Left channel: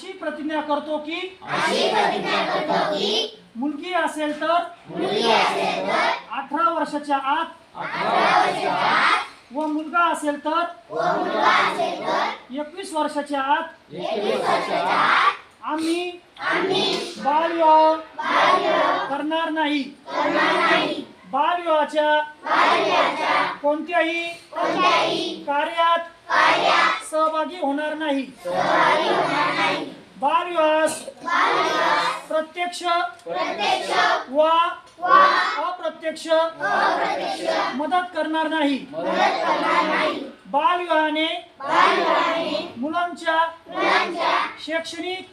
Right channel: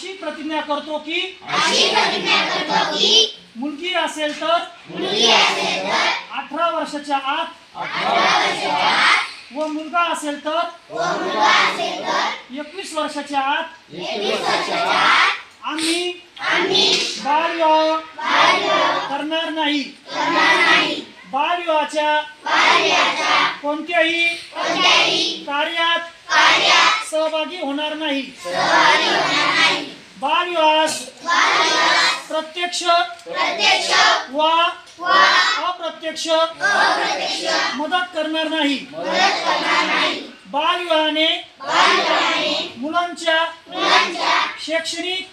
अशी प्रतिज्ञा करतो की मुलगी असेल तर 18 वर्षाच्या आत व मुलगा असेल तर 21 वर्षाच्या आत आम्ही बालविवाह करणार नाही। बालविवाहाच्या कोणत्याही कार्यात सहभागी होणार नाही। बालविवाहास प्रत्यक्ष व अप्रत्यक्ष मदत करणार नाही। बालविवाहाने मुलांच्या शैक्षणिक,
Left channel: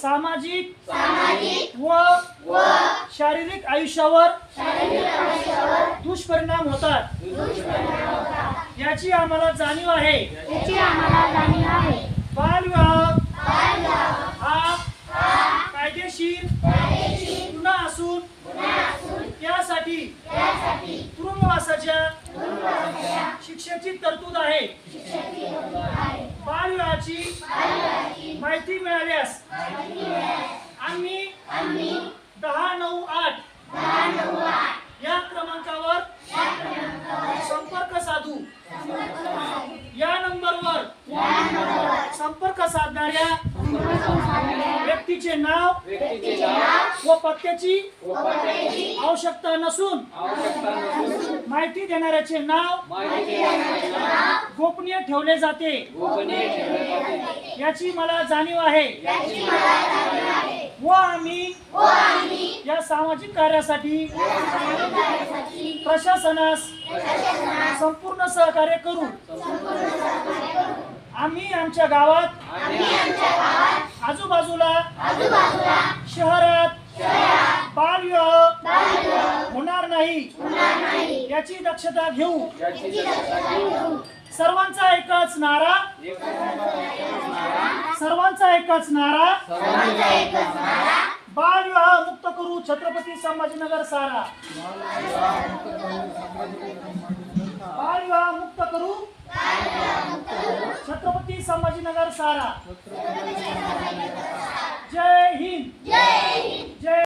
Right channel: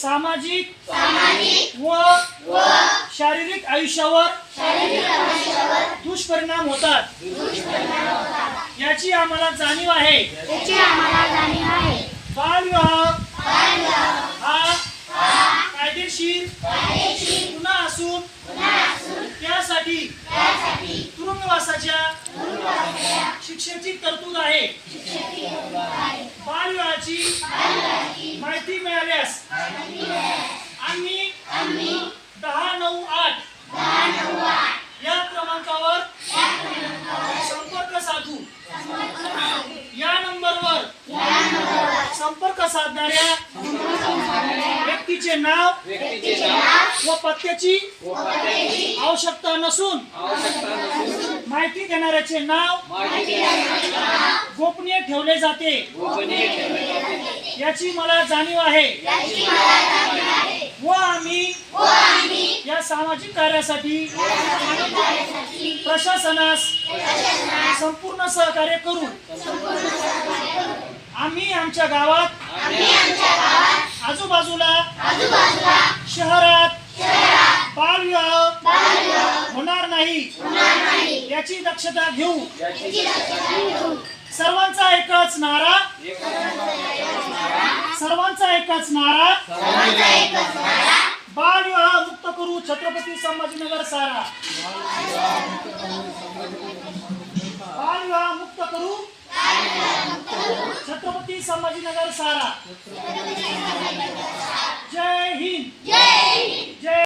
सामाजिक व शारीरिक आयुष्यावर दुष्परिणाम होतात। याची आम्हाला जाणीव आहे। बालविवाह हा कायदेशीर गुन्हा असून त्यासाठी तुरुंगवासाच्या शिक्षेची तरतूद आहे। बालविवाहाची माहिती मिळाल्यास आम्ही 1098 या क्रमांकावर संपर्क साधू। या नंबरवर संपर्क साधणाऱ्या व्यक्तीचे नाव व पत्त्याची आवश्यकता नसून माहिती देणाऱ्याचे नाव गोपनीय ठेवले जाते। याची मला जाणीव आहे व आम्ही या सामाजिक कार्यासाठी प्रशासनास संपूर्ण सहकार्य करू। आम्ही आमच्या गावात आजूबाजूला शहरात बालविवाह होणार नाही याची दक्षता घेऊ। सर्वांचा एकच नारा बालविवाह मुक्त करू छत्रपती संभाजीनगर सारा। बालविवाह मुक्त करू छत्रपती संभाजीनगर सारा। जय हिंद।